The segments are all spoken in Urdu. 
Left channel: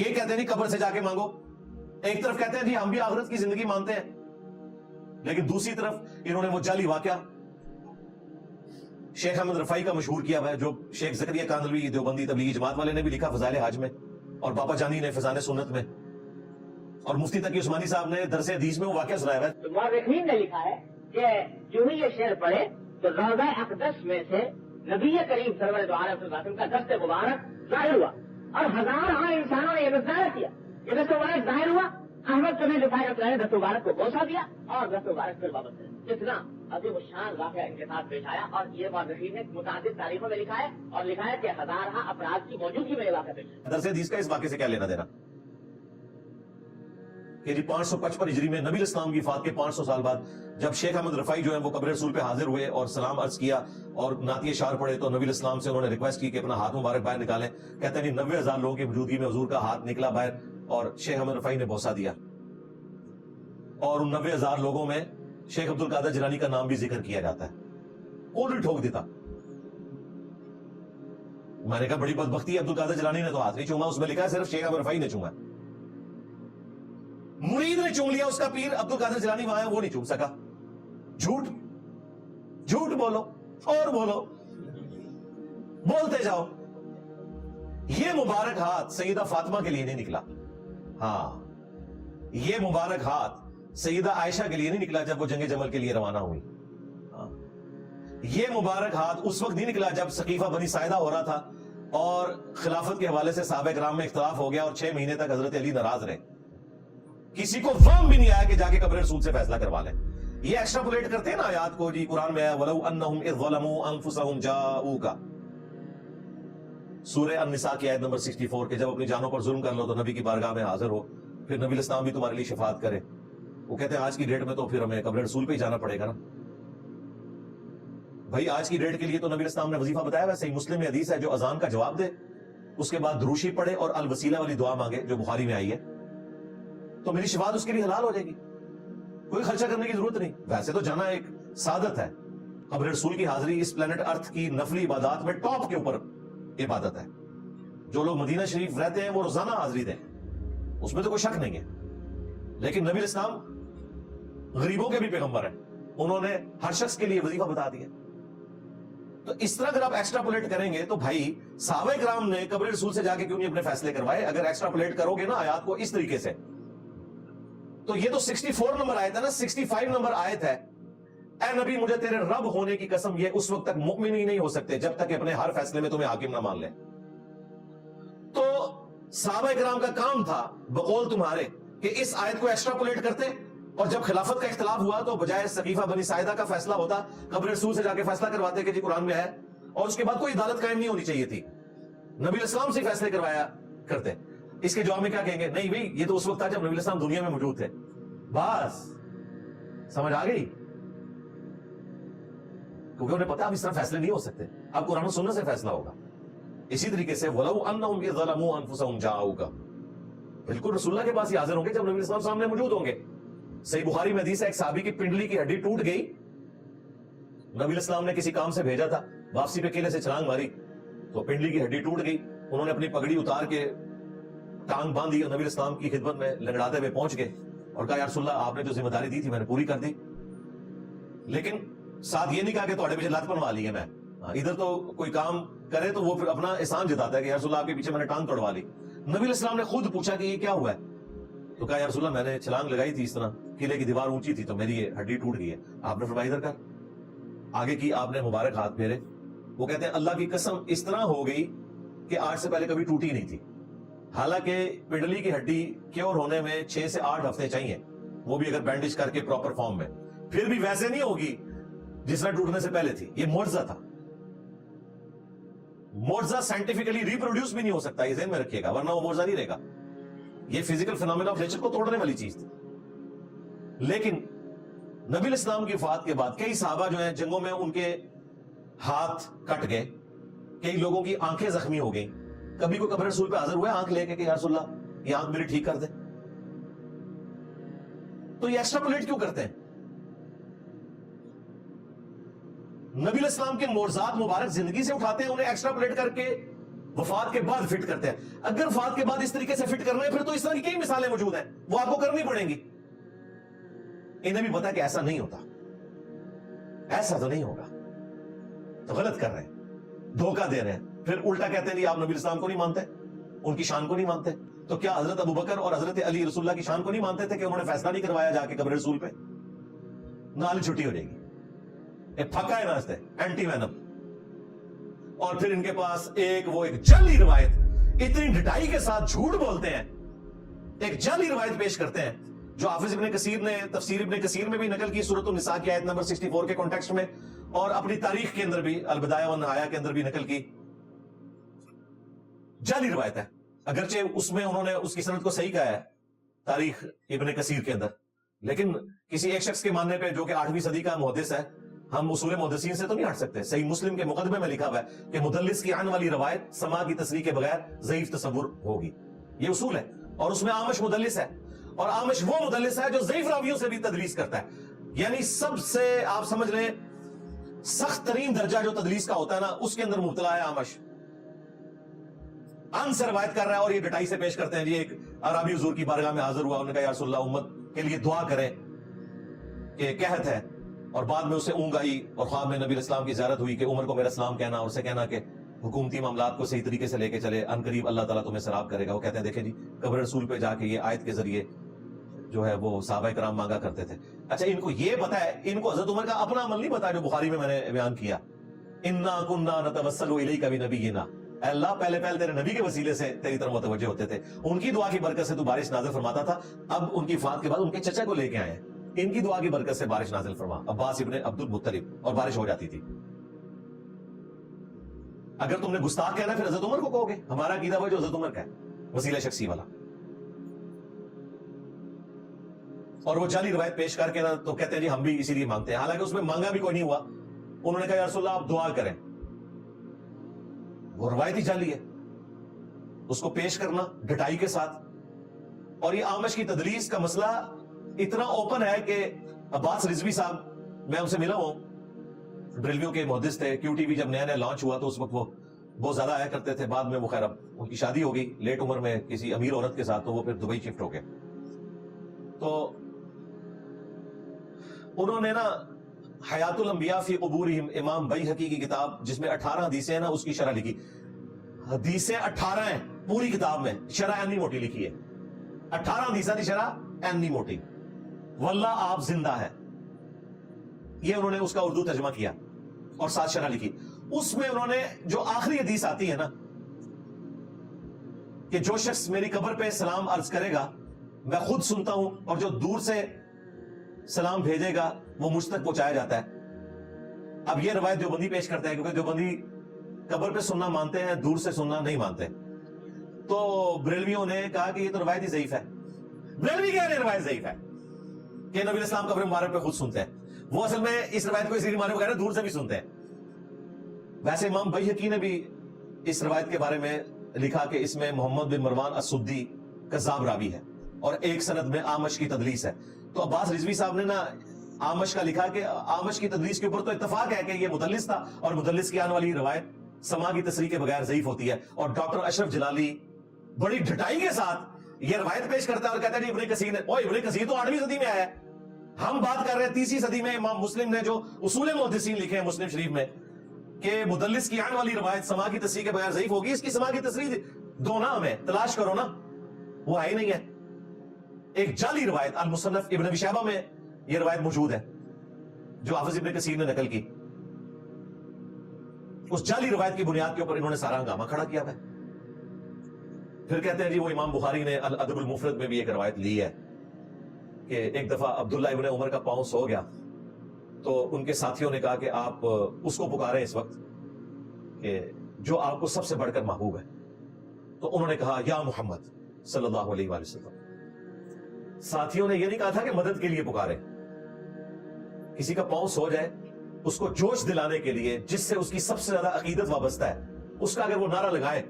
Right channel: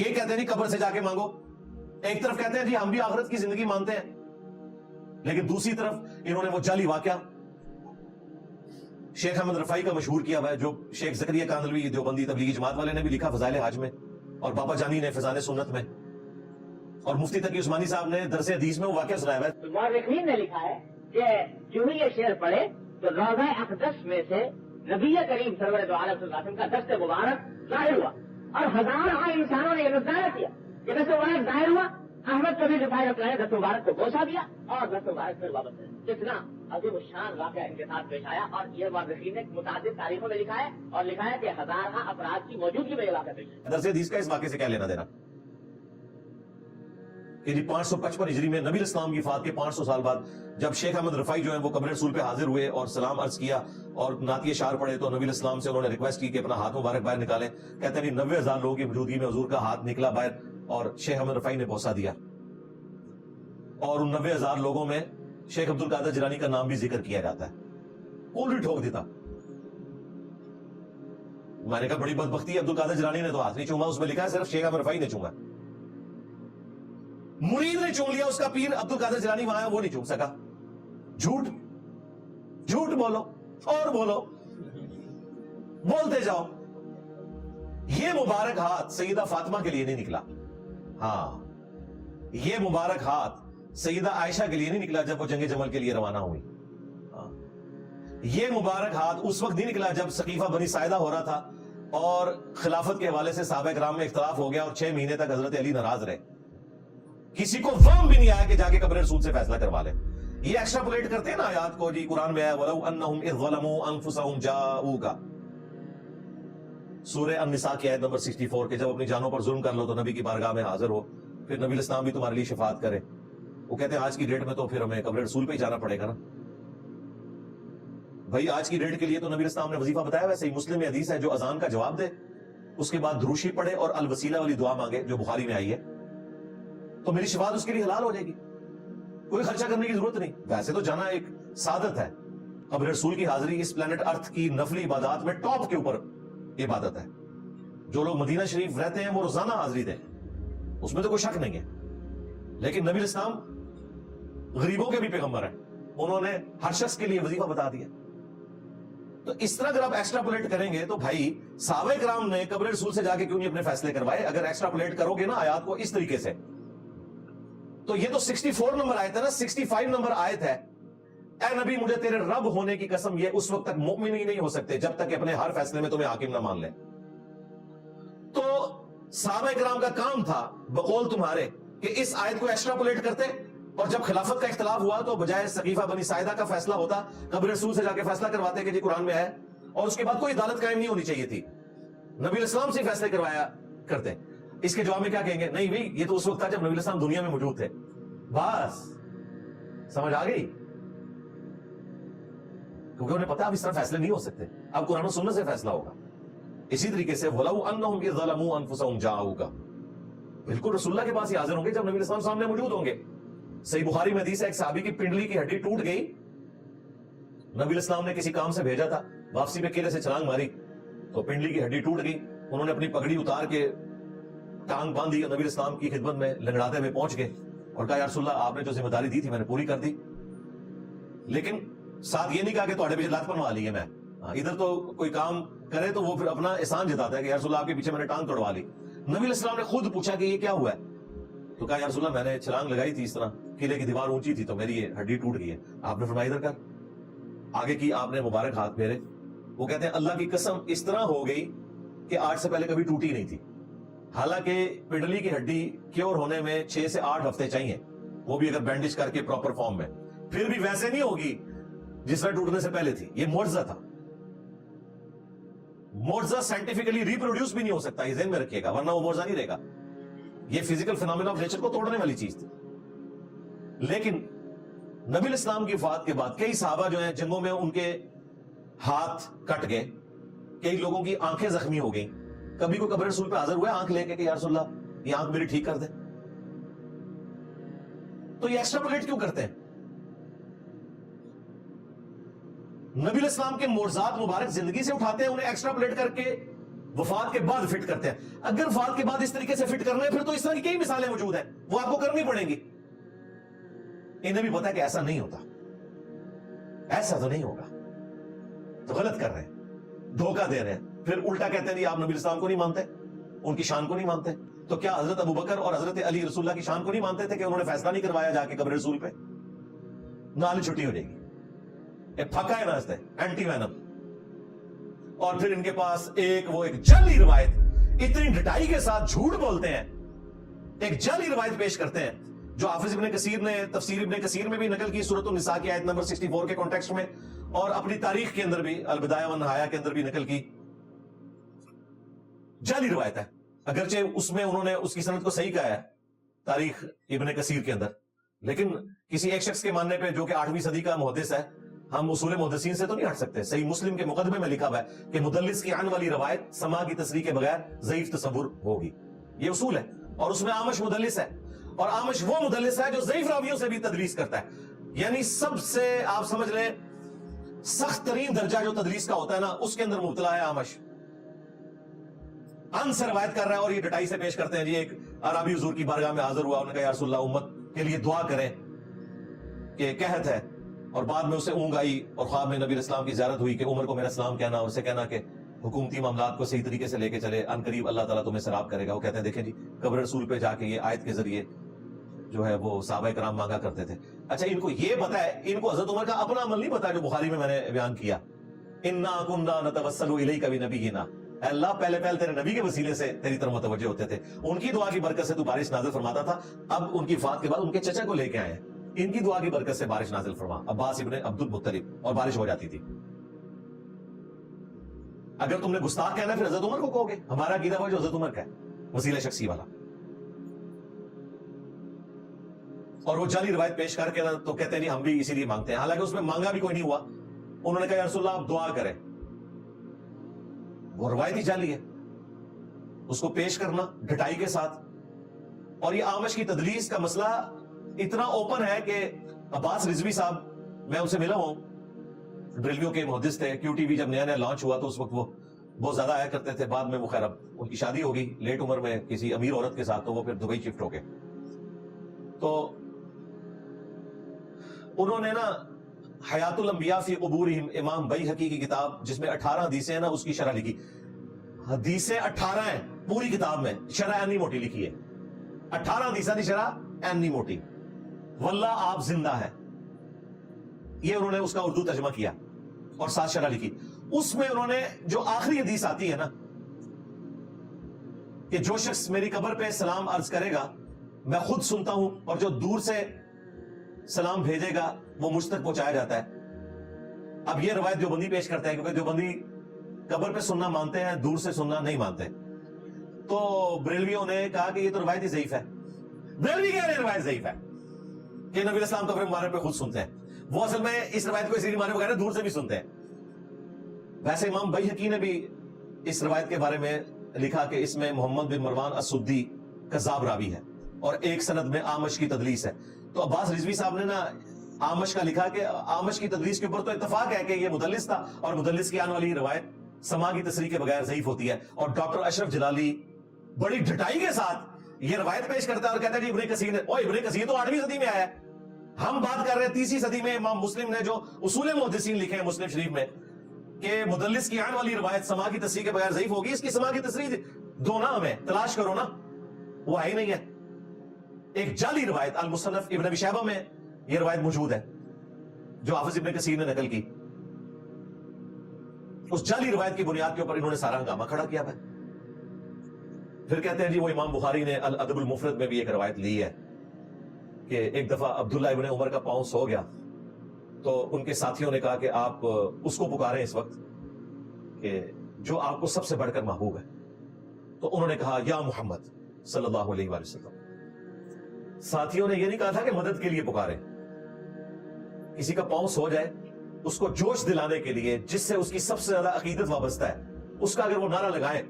یہ کہتے ہیں نہیں قبر سے جا کے مانگو. ایک طرف کہتے ہیں جی ہم بھی آخرت کی زندگی مانتے ہیں, لیکن دوسری طرف انہوں نے وہ جعلی واقعہ شیخ احمد رفاعی کا مشہور کیا ہوا ہے, جو شیخ زکریا کاندھلوی دیوبندی تبلیغی جماعت والے نے بھی لکھا فضائل حج میں, اور بابا جانی نے فضائل سنت میں, اور مفتی تقی عثمانی صاحب نے درس حدیث میں وہ واقعہ سنایا ہے. مورخین نے لکھا ہے کہ جو یہ شعر پڑھے تو روضہ اقدس میں سے نبی کریم سرور دو عالم صلی اللہ علیہ وسلم کا دست مبارک ظاہر ہوا, اور ہزاروں انسانوں نے یہ ظاہر کیا کہ دست مبارک ظاہر ہوا. احمد چودھری رفاعی نے دست مبارک کو بوسا دیا اور دست مبارک پھر واپس کیا. جتنا عظیم الشان واقعہ ان کے ساتھ پیش آیا, اور یہ مورخین نے متعدد تاریخوں میں لکھا ہے, اور لکھا ہے کہ ہزارہ افراد کی موجودگی میں یہ واقعہ پیش آیا. درس حدیث کا اس واقعے سے کیا لینا دینا کہ جی 555 ہجری میں نبی اسلام کی وفات کے 500 سال بعد جب شیخ احمد رفاعی جو ہے وہ قبر رسول پہ حاضر ہوئے اور سلام عرض کیا اور نعتیہ اشعار پڑھے, تو نبی اسلام سے انہوں نے ریکویسٹ کی کہ اپنا ہاتھ مبارک باہر نکالیں. کہتے ہیں 90,000 لوگوں کی موجودگی میں حضور کا ہاتھ نکلا باہر, اور شیخ احمد رفاعی نے بوسا دیا, اور ان 90,000 لوگوں میں شیخ عبد القادر جیلانی کا نام بھی ذکر کیا جاتا ہے. کون بھی ٹھوک دیتا. میں نے کہا بڑی بدبختی ہے, عبد القادر جیلانی نے تو ہاتھ نہیں چوما, اس میں لکھا ہے صرف شیخ احمد رفاعی نے چوما. مرید نے چوم لیا اس کا پیر, عبد القادر جیلانی وہاں وہ نہیں چوم سکا. جھوٹ جھوٹ بولو اور بولو, بولتے جاؤ. یہ مبارک ہاتھ سیدہ فاطمہ کے لیے نہیں نکلا, ہاں یہ مبارک ہاتھ سیدہ عائشہ کے لیے نہیں نکلا جب وہ جنگ جمل کے لیے روانہ ہوئی. یہ مبارک ہاتھ اس وقت نہیں نکلا جب سقیفہ بنی ساعدہ ہو رہا تھا اور خلافت کے حوالے سے صحابہ کرام میں اختلاف ہو گیا اور 6 مہینے تک حضرت علی ناراض رہے. کسی کو وہم بھی نہیں آیا کہ جا کے قبر رسول سے فیصلہ کروا لیں. یہ ایکسٹراپولیٹ کرتے ہیں نا آیات کو, جی قرآن میں ہے وَلَوْ أَنَّهُمْ إِذْ ظَلَمُوا أَنفُسَهُمْ جَاءُوكَ, سورہ النساء کی آیت نمبر 64, کہ جب اپنی جانوں پر ظلم کر لو تو نبی کی بارگاہ میں حاضر ہو, پھر نبی الاسلام بھی تمہارے لیے شفاعت کرے. وہ کہتے ہیں آج کی ڈیٹ میں تو پھر ہمیں قبر رسول پہ ہی جانا پڑے گا نا بھائی. آج کی ڈیٹ کے لیے تو نبی الاسلام نے وظیفہ بتایا ہوا, صحیح مسلم میں حدیث ہے, جو اذان کا جواب دے اس کے بعد دروشی پڑھے اور الوسیلہ والی دعا مانگے جو بخاری میں آئی ہے, تو میری شفاعت اس کے لیے حلال ہو جائے گی, کوئی خرچہ کرنے کی ضرورت نہیں. ویسے تو جانا ایک سعادت ہے, قبر رسول کی حاضری اس پلانٹ ارتھ کی نفلی عبادات میں ٹاپ کے اوپر عبادت ہے. جو لوگ مدینہ شریف رہتے ہیں وہ روزانہ حاضری دیں, اس میں تو کوئی شک نہیں ہے. لیکن نبی اسلام غریبوں کے بھی پیغمبر ہیں, انہوں نے ہر شخص کے لیے وظیفہ بتا دیا. تو اس طرح اگر آپ ایکسٹراپولیٹ کریں گے تو بھائی صحابہ کرام نے قبر رسول سے جا کے کیوں نہیں اپنے فیصلے کروائے؟ اگر ایکسٹراپولیٹ کرو گے نا آیات کو اس طریقے سے, تو یہ تو 64 نمبر آیت ہے نا, 65 نمبر آیت ہے, اے نبی مجھے تیرے رب ہونے کی قسم یہ اس وقت تک مؤمن ہی نہیں ہو سکتے جب تک اپنے ہر فیصلے میں تمہیں حاکم نہ مان لیں. تو صحابہ کرام کا کام تھا بقول تمہارے کہ اس آیت کو ایکسٹراپولیٹ کرتے, اور جب خلافت کا اختلاف ہوا تو بجائے سقیفہ بنی ساعدہ کا فیصلہ ہوتا قبر رسول سے جا کے فیصلہ کرواتے کہ جی قرآن میں ہے, اور اس کے بعد کوئی عدالت قائم نہیں ہونی چاہیے تھی, نبی اسلام سے فیصلے کروایا کرتے. اس کے جواب میں کیا کہیں گے؟ نہیں بھئی یہ تو اس وقت تھا جب نبی اسلام دنیا میں موجود تھے. بس سمجھ آ گئی, کیونکہ انہیں پتا اب اس طرح فیصلے نہیں ہو سکتے, اب قرآن و سنت سے فیصلہ ہوگا. اسی طریقے سے وَلَوْ أَنَّهُمْ إِذْ ظَلَمُوا أَنفُسَهُمْ جَاءُوكَ, بالکل رسول اللہ کے پاس ہی حاضر ہوں گے جب نبی اسلام سامنے موجود ہوں گے. صحیح بخاری میں حدیث ہے, ایک صحابی کی پنڈلی کی ہڈی ٹوٹ گئی, نبی اسلام نے کسی کام سے بھیجا تھا, واپسی پہ قلعے سے چھلانگ ماری تو پنڈلی کی ہڈی ٹوٹ گئی. انہوں نے اپنی پگڑی اتار کے ٹانگ باندھی, نبی اسلام کی خدمت میں لنگڑاتے ہوئے پہنچ گئے اور کہا یا رسول اللہ آپ نے جو ذمہ داری دی تھی میں نے پوری کر دی, لیکن ساتھ یہ نہیں کہا کہ تھوڑے پیچھے لات بنوا لی ہے میں. ادھر تو کوئی کام کرے تو وہ پھر اپنا احسان جتاتا ہے کہ یا رسول اللہ آپ کے پیچھے میں نے ٹانگ توڑوا لی. نبی الاسلام نے خود پوچھا کہ یہ کیا ہوا ہے, تو کہا یا رسول اللہ میں نے چھلانگ لگائی تھی, اس طرح قلعے کی دیوار اونچی تھی تو میری یہ ہڈی ٹوٹ گئی ہے. آپ نے فرمایا ادھر کر, آگے کی آپ نے مبارک ہاتھ پھیرے. وہ کہتے ہیں اللہ کی قسم اس طرح ہو گئی کہ آج سے پہلے کبھی ٹوٹی نہیں تھی. حالانکہ پنڈلی کی ہڈی کیور ہونے میں 6 سے 8 ہفتے چاہیے, وہ بھی اگر بینڈیج کر کے پراپر فارم میں, پھر بھی ویسے نہیں ہوگی جس میں ٹوٹنے سے پہلے تھی. یہ معجزہ تھا, معجزہ سائنٹیفکلی ریپروڈیوس بھی نہیں ہو سکتا, یہ ذہن میں رکھیے گا, ورنہ وہ معجزہ نہیں رہے گا. یہ فزیکل فینومینا آف نیچر کو توڑنے والی چیز تھی. لیکن نبی اسلام کی وفات کے بعد کئی صحابہ جو ہیں جنگوں میں ان کے ہاتھ کٹ گئے, کئی لوگوں کی آنکھیں زخمی ہو گئی. کبھی کوئی قبر رسول پہ حاضر ہوا ہے آنکھ لے کے یا رسول اللہ یہ آنکھ میری ٹھیک کر دے؟ تو یہ ایکسٹراپولیٹ کیوں کرتے ہیں؟ نبی اسلام کے معجزات مبارک زندگی سے اٹھاتے ہیں, انہیں ایکسٹراپولیٹ کر کے وفات کے بعد فٹ کرتے ہیں. اگر وفات کے بعد اس طریقے سے فٹ کرنا ہے پھر تو اس طرح کی کئی مثالیں موجود ہیں, وہ آپ کو کرنی پڑیں گی. انہیں بھی پتا ہے کہ ایسا نہیں ہوتا, ایسا تو نہیں ہوگا, تو غلط کر رہے ہیں, دھوکہ دے رہے ہیں. پھر الٹا کہتے ہیں جی آپ نبی اسلام کو نہیں مانتے, ان کی شان کو نہیں مانتے. تو کیا حضرت ابو بکر اور حضرت علی رسول اللہ کی شان کو نہیں مانتے تھے کہ انہوں نے فیصلہ نہیں کروایا جا کے قبر رسول پہ؟ نالی چھٹی ہو جائے گی, ایک پھکا ہے راستے اینٹی وینم. اور پھر ان کے پاس ایک جعلی روایت, اتنی ڈٹائی کے ساتھ جھوٹ بولتے ہیں, ایک جعلی روایت پیش کرتے ہیں جو حافظ ابن کثیر نے تفسیر ابن کثیر میں بھی نقل کی, سورۃ النساء کی آیت نمبر 64 کے کانٹیکسٹ میں, اور اپنی تاریخ کے اندر بھی البدایہ والنہایہ کے اندر بھی نقل کی. جعلی روایت ہے, اگرچہ اس میں انہوں نے اس کی سند کو صحیح کہا ہے تاریخ ابن کثیر کے اندر, لیکن کسی ایک شخص کے ماننے پہ جو کہ 8ویں صدی کا محدث ہے, ہم اصول محدثین سے تو نہیں ہٹ سکتے. صحیح مسلم کے مقدمے میں لکھا ہوا ہے کہ مدلس کی عن والی روایت سما کی تصریح کے بغیر ضعیف تصور ہوگی, یہ اصول ہے. اور اس میں عامش مدلس ہے, اور عامش وہ مدلس ہے جو ضعیف راویوں سے بھی تدلیس کرتا ہے. یعنی سب سے آپ سمجھ لیں سخت ترین درجہ جو تدلیس کا ہوتا ہے نا, اس کے اندر مبتلا ہے عامش. ان سے روایت کر رہا ہے اور یہ ڈٹائی سے پیش کرتے ہیں. جی ایک عربی حضور کی بارگاہ میں حاضر ہوا, انہوں نے کہا یا رسول اللہ امت کے لیے دعا کریں کہ قحط ہے, اور بعد میں اسے اونگ آئی اور خواب میں نبی اسلام کی زیارت ہوئی کہ عمر کو میرا سلام کہنا, اور اسے کہنا کہ حکومتی معاملات کو صحیح طریقے سے لے کے چلے, ان قریب اللہ تعالیٰ تمہیں سراب کرے گا. وہ کہتے ہیں دیکھیں جی قبر رسول پہ جا کے یہ آیت کے ذریعے جو ہے وہ صحابہ کرام مانگا کرتے تھے. اچھا ان کو یہ پتا ہے, ان کو حضرت عمر کا اپنا عمل نہیں پتا جو بخاری میں نے بیان کیا, انا کنا نتوسل الیک بنبینا, اللہ پہلے تیرے نبی کے وسیلے سے تیری طرف متوجہ ہوتے تھے, ان کی دعا کی برکت سے تو بارش نازل فرماتا تھا. اب ان کی وفات کے بعد ان کے چچا کو لے کے آئے ہیں, ان کی دعا کی برکت سے بارش نازل فرما, عباس ابن عبد المطلب, اور بارش ہو جاتی تھی. اگر تم نے گستاخ کہنا پھر حضرت عمر کو کہو گے, ہمارا عقیدہ وہ جو حضرت عمر کا ہے, وسیلہ شخصی والا. اور وہ جعلی روایت پیش کر کے نا تو کہتے ہیں جی ہم بھی اسی لیے مانگتے ہیں, حالانکہ اس میں مانگا بھی کوئی نہیں ہوا. انہوں نے کہا یا رسول اللہ آپ دعا کریں, وہ روایت ہی جعلی ہے, اس کو پیش کرنا ڈٹائی کے ساتھ. اور یہ عامش کی تدلیس کا مسئلہ اتنا اوپن ہے کہ عباس رضوی صاحب, میں ان سے ملا ہوں, بریلویوں کے محدث تھے. کیو ٹی وی جب نیا لانچ ہوا تو اس وقت وہ بہت زیادہ آیا کرتے تھے. بعد میں وہ خیر اب ان کی شادی ہو گئی لیٹ عمر میں کسی امیر عورت کے ساتھ, تو وہ پھر دبئی شفٹ ہو گئے. تو انہوں نے نا حیات الانبیاء فی قبورہم, امام بیہقی کی کتاب جس میں 18 حدیثیں ہیں نا, اس کی شرح لکھی. حدیثیں 18 ہیں پوری کتاب میں, شرح اینی موٹی لکھی ہے. 18 حدیثیں دی شرح اینی موٹی, واللہ آپ زندہ ہیں. یہ انہوں نے اس کا اردو ترجمہ کیا اور ساتھ شرح لکھی. اس میں انہوں نے جو آخری حدیث آتی ہے نا کہ جو شخص میری قبر پہ سلام عرض کرے گا میں خود سنتا ہوں, اور جو دور سے سلام بھیجے گا وہ مجھ تک پہنچایا جاتا ہے. اب یہ روایت دیوبندی پیش کرتے ہیں کیونکہ دیوبندی قبر پہ سننا مانتے ہیں, دور سے سننا نہیں مانتے. تو بریلویوں نے کہا کہ یہ تو روایت ہی ضعیف ہے. بریلوی کہہ رہے ہیں روایت ضعیف ہے کہ نبی اسلام قبر مبارک پہ خود سنتے ہیں. وہ اصل میں اس روایت کو اس لیے ماننے وغیرہ دور سے بھی سنتے ہیں. ویسے امام بیہقی نے بھی اس روایت کے بارے میں لکھا کہ اس میں محمد بن مروان السدی کذاب راوی ہے, اور ایک سند میں عامش کی تدلیس ہے. تو عباس رضوی صاحب نے نا عامش کا لکھا کہ عامش کی تدلیس کے اوپر تو اتفاق ہے کہ یہ مدلس تھا, اور مدلس کی آنے والی روایت سما کی تصریح کے بغیر ضعیف ہوتی ہے. اور ڈاکٹر اشرف جلالی بڑی ڈٹائی کے ساتھ یہ روایت پیش کرتا ہے اور کہتے ہیں ابن کثیر نے, ابن کثیر تو 8ویں صدی میں آیا ہے, ہم بات کر رہے ہیں 30ویں صدی میں. امام مسلم نے جو اصول محدثین لکھے ہیں مسلم شریف میں کہ مدلس کی آنے والی روایت سما کی تصریح کے بغیر ضعیف ہوگی, اس کی سما کی تصریح دو نا ہمیں تلاش کرو نا, وہ آئی نہیں ہے. ایک جعلی روایت المصنف ابن ابی شیبہ میں یہ روایت موجود ہے جو حافظ ابن کثیر نے نقل کی. اس جعلی روایت کی بنیاد کے اوپر انہوں نے سارا ہنگامہ کھڑا کیا ہے. پھر کہتے ہیں جی وہ امام بخاری نے الادب المفرد میں بھی ایک روایت لی ہے کہ ایک دفعہ عبداللہ ابن عمر کا پاؤں سو گیا, تو ان کے ساتھیوں نے کہا کہ آپ اس کو پکاریں اس وقت کہ جو آپ کو سب سے بڑھ کر محبوب ہے. تو انہوں نے کہا یا محمد صلی اللہ علیہ وآلہ وسلم. ساتھیوں نے یہ نہیں کہا تھا کہ مدد کے لیے پکارے, کسی کا پاؤں سو جائے اس کو جوش دلانے کے لیے جس سے اس کی سب سے زیادہ عقیدت وابستہ ہے, اس کا اگر وہ نعرہ لگائیں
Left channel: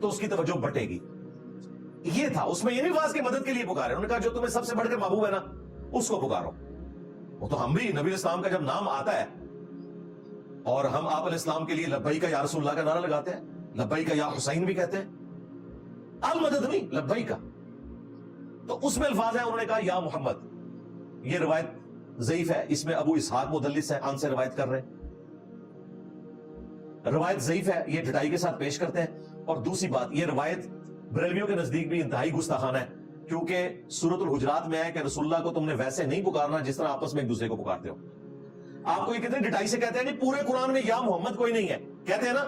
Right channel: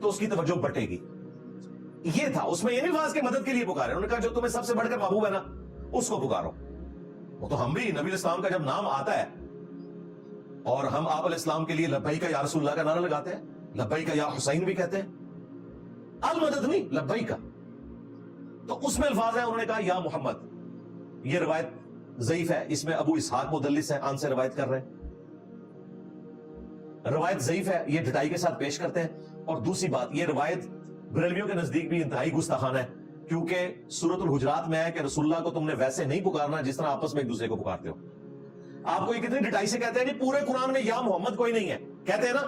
تو اس کی توجہ بٹے گی. یہ تھا, اس میں یہ نہیں خاص کہ مدد کے لیے پکارے. انہوں نے کہا جو تمہیں سب سے بڑھ کر محبوب ہے نا اس کو پکارو. وہ تو ہم بھی نبی اسلام کا جب نام آتا ہے اور ہم آپ علیہ السلام کے لیے لبیک یا رسول اللہ کا نعرہ لگاتے ہیں, لبیک یا حسین بھی کہتے ہیں، المدد نہیں، لبیک. تو اس میں الفاظ ہیں، انہوں نے کہا یا محمد. یہ روایت ضعیف ہے، اس میں ابو اسحاق مدلس ہے، آن سے روایت کر رہے ہیں. روایت ضعیف ہے، یہ ڈٹائی کے ساتھ پیش کرتے ہیں. اور دوسری بات، یہ روایت بریلویوں کے نزدیک بھی انتہائی گستاخانہ ہے، کیونکہ سورۃ الحجرات میں ہے کہ رسول اللہ کو تم نے ویسے نہیں پکارنا جس طرح آپس میں ایک دوسرے کو پکارتے ہو. آپ کو یہ کتنے ڈٹائی سے کہتے ہیں نہیں پورے قرآن میں یا محمد کوئی نہیں ہے، کہتے ہیں نا،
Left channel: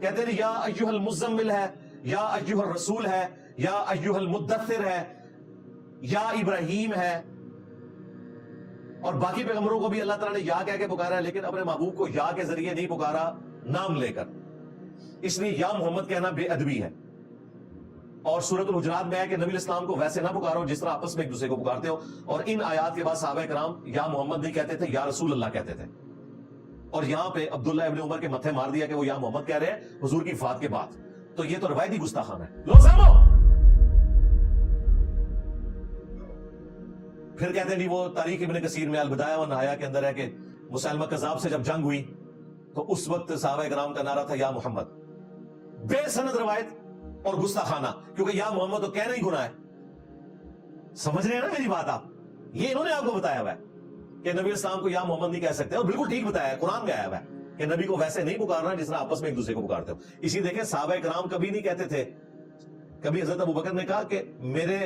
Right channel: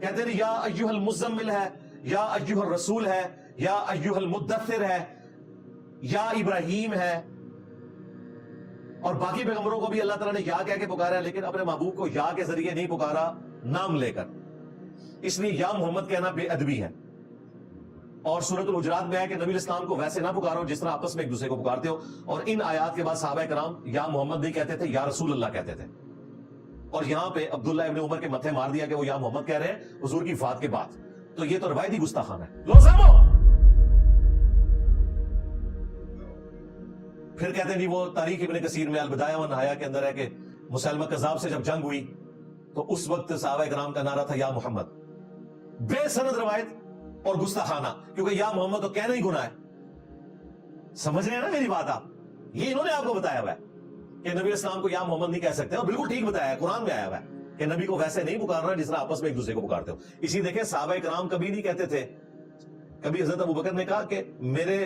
کہتے ہیں یا ایھا المزمل ہے، یا ایھا الرسول ہے، یا ایھا المدثر ہے، یا ابراہیم ہے. اور باقی پیغمبروں کو بھی اللہ تعالیٰ نے یا کہہ کے پکارا ہے، لیکن اپنے محبوب کو یا کے ذریعے نہیں پکارا، نام لے کر. اس لیے یا محمد کہنا بے ادبی ہے. اور سورۃ الحجرات میں ہے کہ نبی اسلام کو ویسے نہ پکارو جس طرح آپس میں ایک دوسرے کو پکارتے ہو. اور ان آیات کے بعد صحابہ کرام یا محمد نہیں کہتے تھے، یا رسول اللہ کہتے تھے. اور یہاں پہ عبداللہ ابن عمر کے متھے مار دیا کہ وہ یا محمد کہہ رہے ہیں حضور کی وفات کے بعد. تو یہ تو روایتی گستاخانہ ہے. لو سامو. پھر کہتے ہیں نہیں، وہ تاریخ ابن کثیر میں البدایہ و نہایہ کے اندر ہے کہ مسلمہ کذاب سے جب جنگ ہوئی تو اس وقت صحابہ کرام کا نعرہ تھا یا محمد. بے سند روایت اور گستاخانہ، کیونکہ یا محمد تو کہنا ہی گناہ ہے. سمجھ رہے ہیں نا میری بات آپ؟ یہ انہوں نے آپ کو بتایا ہوا ہے کہ نبی اسلام کو یا محمد نہیں کہہ سکتے، اور بالکل ٹھیک بتایا ہے، قرآن میں آیا ہوا ہے کہ نبی کو ویسے نہیں پکارنا جس طرح آپس میں ایک دوسرے کو پکارتے ہو. اسی دیکھیں صحابہ کرام کبھی نہیں کہتے تھے، کبھی حضرت ابوبکر نے کہا کہ میرے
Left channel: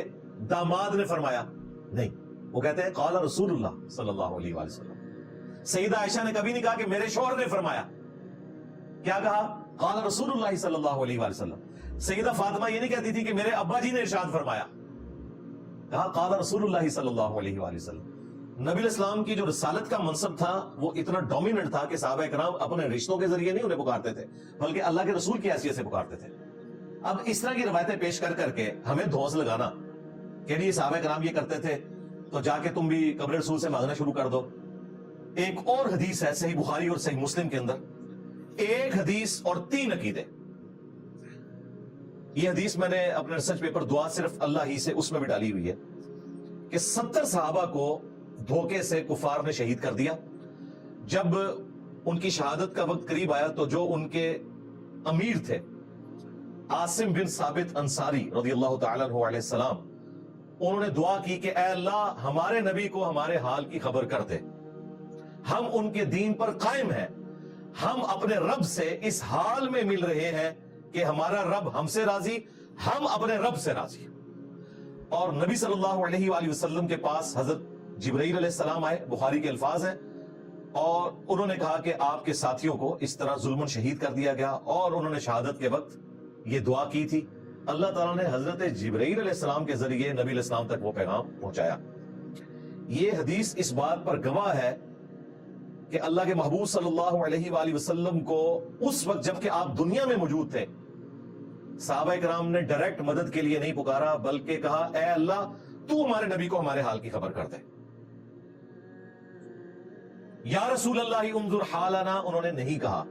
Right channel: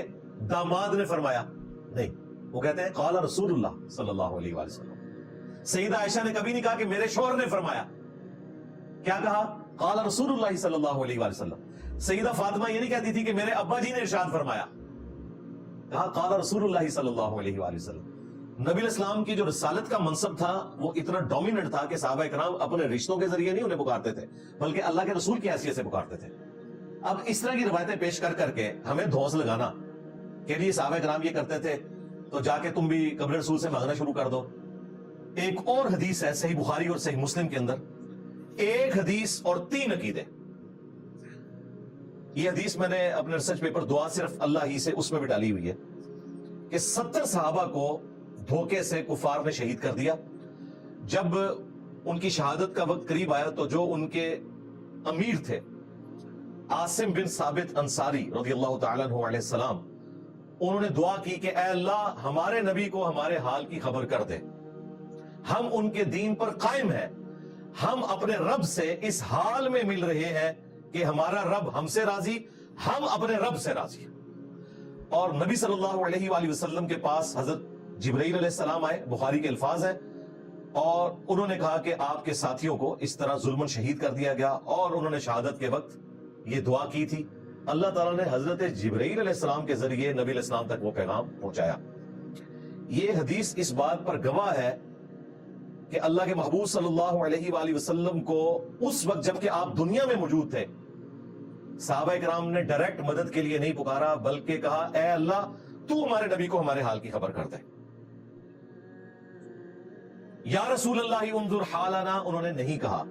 داماد نے فرمایا، نہیں، وہ کہتے ہیں قال رسول اللہ صلی اللہ علیہ وآلہ وسلم. سیدہ عائشہ نے کبھی نہیں کہا کہ میرے شوہر نے فرمایا، کیا کہا؟ قال رسول اللہ صلی اللہ علیہ وآلہ وسلم. سیدہ فاطمہ یہ نہیں کہتی تھی کہ میرے ابا جی نے ارشاد فرمایا، کہا قال رسول اللہ صلی اللہ علیہ وآلہ وسلم. نبی اسلام کی جو رسالت کا منصب تھا وہ اتنا ڈومیننٹ تھا کہ صحابہ کرام اپنے رشتوں کے ذریعے نہیں انہیں پکارتے تھے، بلکہ اللہ کے رسول کی حیثیت سے پکارتے تھے. اب اس طرح کی روایتیں پیش کر کر کے ہمیں دھوس لگانا کہ نہیں صحابہ کرام یہ کرتے تھے تو جا کے تم بھی قبر رسول سے مانگنا شروع کر دو. ایک اور حدیث ہے صحیح بخاری اور صحیح مسلم کے اندر، ایک حدیث اور 3 عقیدے. یہ حدیث میں نے اپنے ریسرچ پیپر دعا صرف اللہ ہی سے اس میں بھی ڈالی ہوئی ہے کہ 70 صحابہ کو دھوکے سے کفار نے شہید کر دیا. جب ان کی شہادت کا وقت قریب آیا تو جو ان کے امیر تھے عاصم بن ثابت انصاری رضی اللہ تعالیٰ عنہ علیہ السلام، انہوں نے دعا کی کہ اے اللہ ہمارے نبی کو ہمارے حال کی خبر کر دے، ہم ان کے دین پر قائم ہیں، ہم اپنے رب سے اس حال میں مل رہے ہیں کہ ہمارا رب ہم سے راضی، ہم اپنے رب سے راضی. اور نبی صلی اللہ علیہ وآلہ وسلم کے پاس حضرت جبرائیل علیہ السلام آئے، بخاری کے الفاظ ہیں، اور انہوں نے کہا کہ آپ کے ساتھیوں کو اس طرح ظلم شہید کر دیا گیا. اور انہوں نے شہادت کے وقت یہ دعا کی تھی. اللہ تعالیٰ نے حضرت جبرائیل علیہ السلام کے ذریعے نبی علیہ السلام تک وہ پیغام پہنچایا. یہ حدیث اس بات پر گواہ ہے کہ اللہ کے محبوب صلی اللہ علیہ وآلہ وسلم کو اس وقت جبکہ آپ دنیا میں موجود تھے، صحابہ کرام نے ڈائریکٹ مدد کے لیے نہیں پکارا، بلکہ کہا اے اللہ تو ہمارے نبی کو ہمارے حال کی خبر کر دے. یا رسول اللہ انظر حالنا انہوں نے نہیں کہا،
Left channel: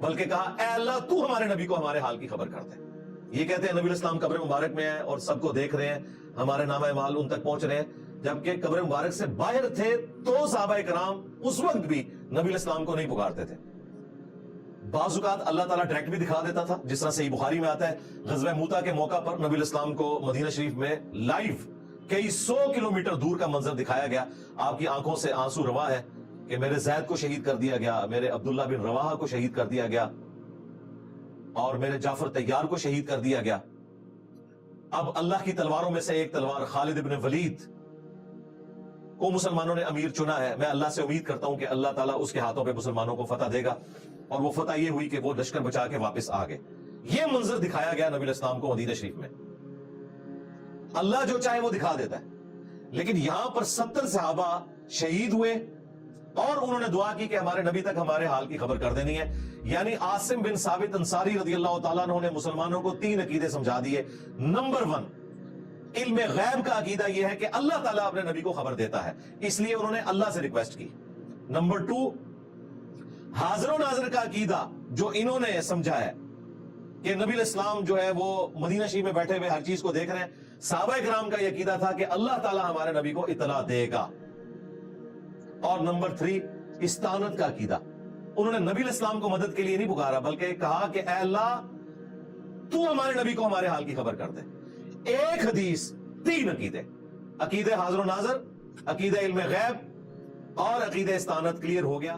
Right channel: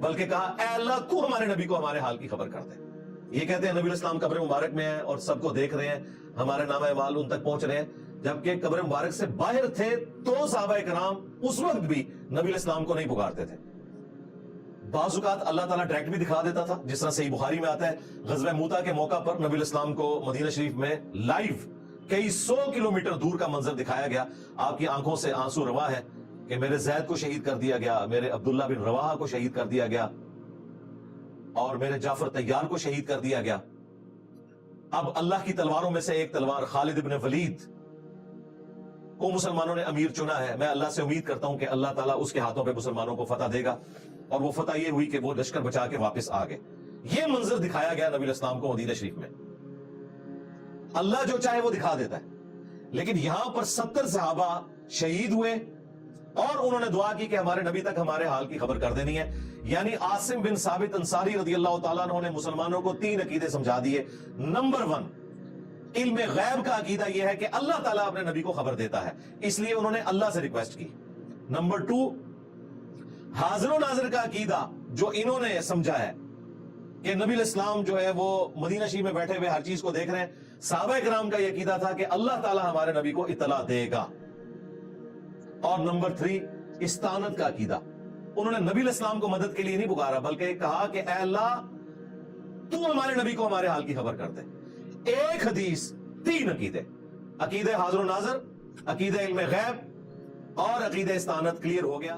بلکہ کہا اے اللہ تو ہمارے نبی کو ہمارے حال کی خبر کر دے. یہ کہتے ہیں نبی اسلام قبر مبارک میں ہیں اور سب کو دیکھ رہے ہیں، ہمارے نامہ اعمال ان تک پہنچ رہے ہیں. جبکہ قبر مبارک سے باہر تھے تو صحابہ کرام اس وقت بھی نبی اسلام کو نہیں پکارتے تھے. بعض اوقات اللہ تعالیٰ ڈائریکٹ بھی دکھا دیتا تھا، جس طرح صحیح بخاری میں آتا ہے غزوہ موتا کے موقع پر نبی اسلام کو مدینہ شریف میں لائیو کئی 100 کلومیٹر دور کا منظر دکھایا گیا. آپ کی آنکھوں سے آنسو روا ہے کہ میرے زید کو شہید کر دیا گیا، میرے عبداللہ بن رواحہ کو شہید کر دیا گیا، اور میرے جعفر طیار کو شہید کر دیا گیا. اب اللہ کی تلواروں میں سے ایک تلوار خالد بن ولید کو مسلمانوں نے امیر چنا ہے. میں اللہ سے امید کرتا ہوں کہ اللہ تعالیٰ اس کے ہاتھوں پہ مسلمانوں کو فتح دے گا، اور وہ فتح یہ ہوئی کہ وہ لشکر بچا کے واپس آ گئے. یہ منظر دکھایا گیا نبی اسلام کو مدینہ شریف میں. اللہ جو چاہے وہ دکھا دیتا ہے، لیکن یہاں پر 70 صحابہ شہید ہوئے اور انہوں نے دعا کی کہ ہمارے نبی تک ہمارے حال کی خبر کر دینی ہے. یعنی عاصم بن ثابت انصاری رضی اللہ تعالیٰ عنہ نے مسلمانوں کو 3 عقیدے سمجھا دیے. نمبر 1، علم غیب کا عقیدہ یہ ہے کہ اللہ تعالیٰ اپنے نبی کو خبر دیتا ہے، اس لیے انہوں نے اللہ سے ریکویسٹ کی. نمبر 2، حاضر و ناظر کا عقیدہ جو انہوں نے سمجھا ہے کہ نبی الاسلام جو ہے وہ مدینہ شریف میں بیٹھے ہوئے ہر چیز کو دیکھ رہے ہیں. صحابہ کرام کا یہ عقیدہ تھا کہ اللہ تعالیٰ ہمارے نبی کو اطلاع دے گا. اور نمبر 3، استعانت کا عقیدہ. انہوں نے نبی علیہ السلام کو مدد کے لیے نہیں پکارا، بلکہ کہا کہ اے اللہ تو ہمارے نبی کو ہمارے حال کی خبر کر دے۔ ایک حدیث، 3 عقیدے، عقیدہ حاضر و ناظر، عقیدہ علم غیب اور عقیدہ استعانت، کلیئر ہو گیا۔